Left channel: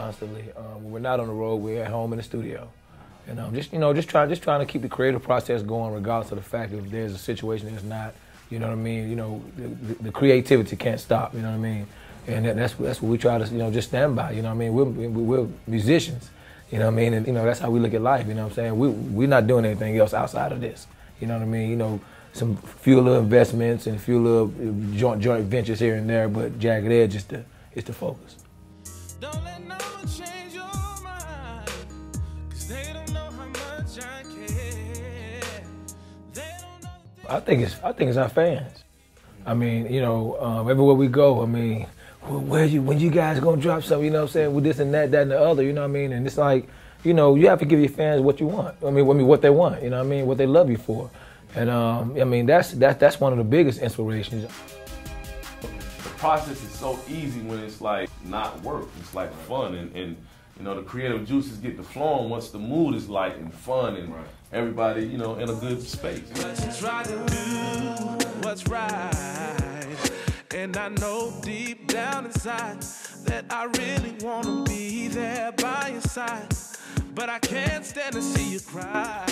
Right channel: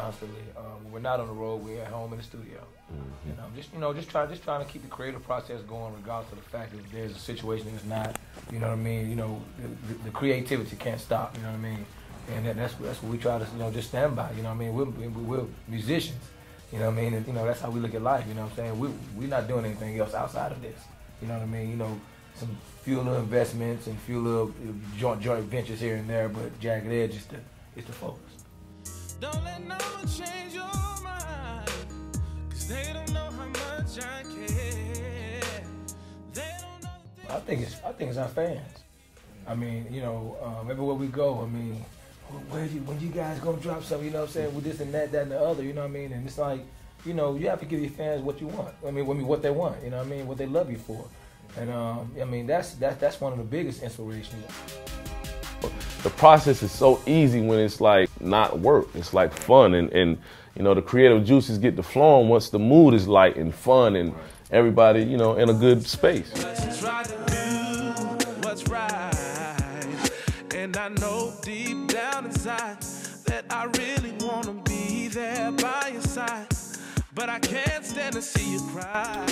constantly. When we're not on the road, we're at home in the studio. And just trying to keep the creative process going, regardless of the fact that if there's a situation that's not, you know what I mean. The creativity can't stop. You know what I mean. And that's what we try to just stand by. You know what I mean. We're musicians. You know what I mean. And that's how we look at life. You know what I'm saying. We're not doing anything else outside of this. You know what I mean. Some few little investments and few little joint ventures here and there, but Jagged Edge is the focus. Don't let no one change your mind, 'cause they don't know how much I care. They don't know I think it's our fans. I mean, everywhere we go, I mean, when you guys gonna drop something, you know what I'm saying, with this and that and the other, you know what I mean? And it's like, you have to give your fans what you want. I mean what they want, you know what I mean, what they love you for. And I mean, that's one of the biggest inspirations. The process is so easy when it's like not work. It's like fun, and the creative juices get to flowing once the mood is light and fun, and everybody in a good space. try to do what's right, and I know deep down inside that I really want to be there by your side, but I can't stand to see you cry.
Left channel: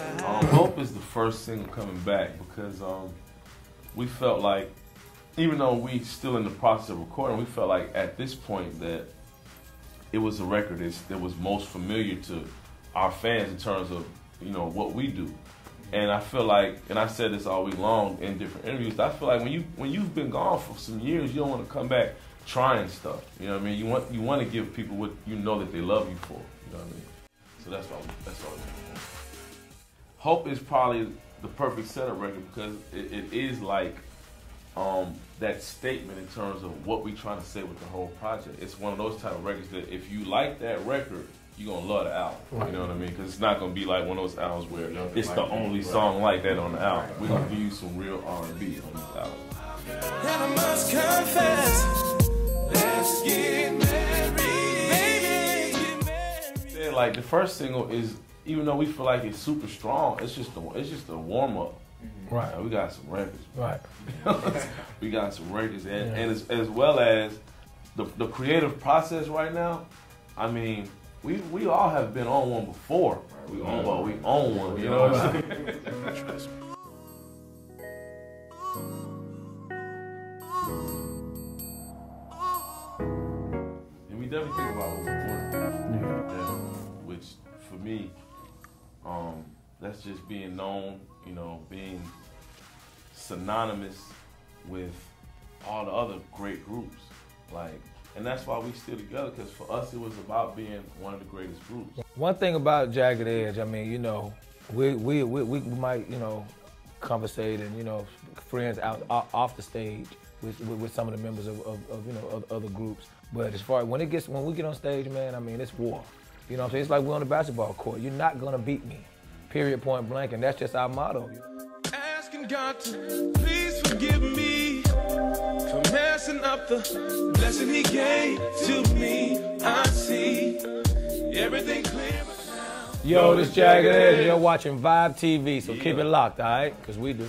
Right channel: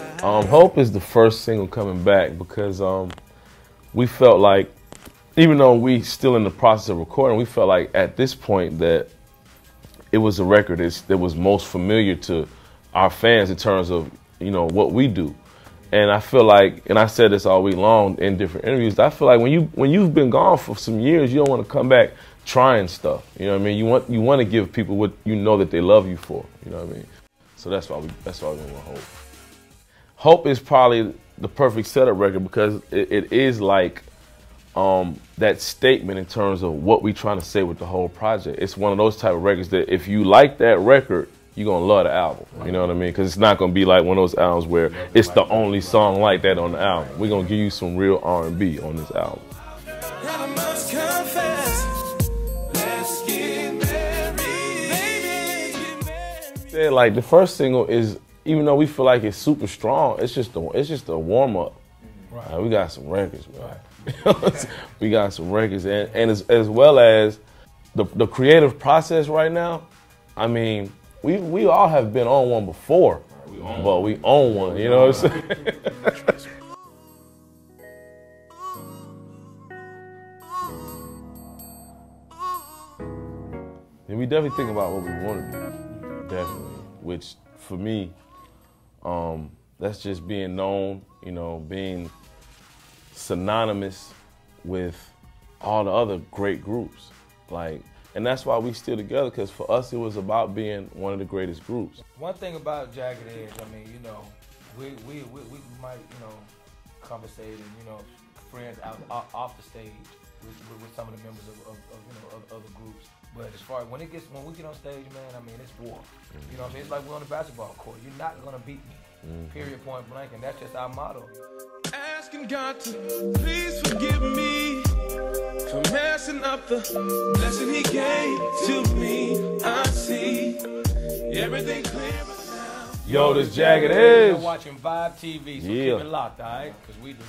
Hope is the first single coming back because we felt like, even though we still in the process of recording, we felt like at this point that it was a record that was most familiar to our fans in terms of what we do. And I feel like, and I said this all week long in different interviews, I feel like when you've been gone for some years, you don't want to come back trying stuff. You know what I mean? You want to give people what you know that they love you for. You know what I mean? So that's why we want Hope. Hope is probably the perfect setup record because it is like that statement in terms of what we're trying to say with the whole project. It's one of those type of records that if you like that record, you're going to love the album. You know what I mean? Because it's not going to be like one of those albums where it's the only song like that on the album. We're going to give you some real R&B on this album. And I must confess, let's get married. Baby, let's get married. Yeah, like the first single is, even though we feel like it's super strong, it's just a warm-up. Right. And we got some records, man. Right. We got some records, and as well as the creative process right now. I mean, we all have been on one before, but we own one. You know what I'm saying? And we definitely think about what we want to do, definitely. Which for me, that's just being known, being synonymous with all the other great groups. And that's why we still together, because for us it was about being one of the greatest groups. One thing about Jagged Edge, I mean, we might, conversate and, friends off the stage with some of the members of other groups. But as far as when we get on stage, man, I mean, it's war. You know what I'm saying? It's like we're on the basketball court. You're not gonna beat me. Period, point blank, and that's just our motto. Asking God to please forgive me for messing up the blessing He gave to me. I see everything clear now. Yo, this Jagged Edge. You're watching Vibe TV, so keep it locked, all right? Because we do.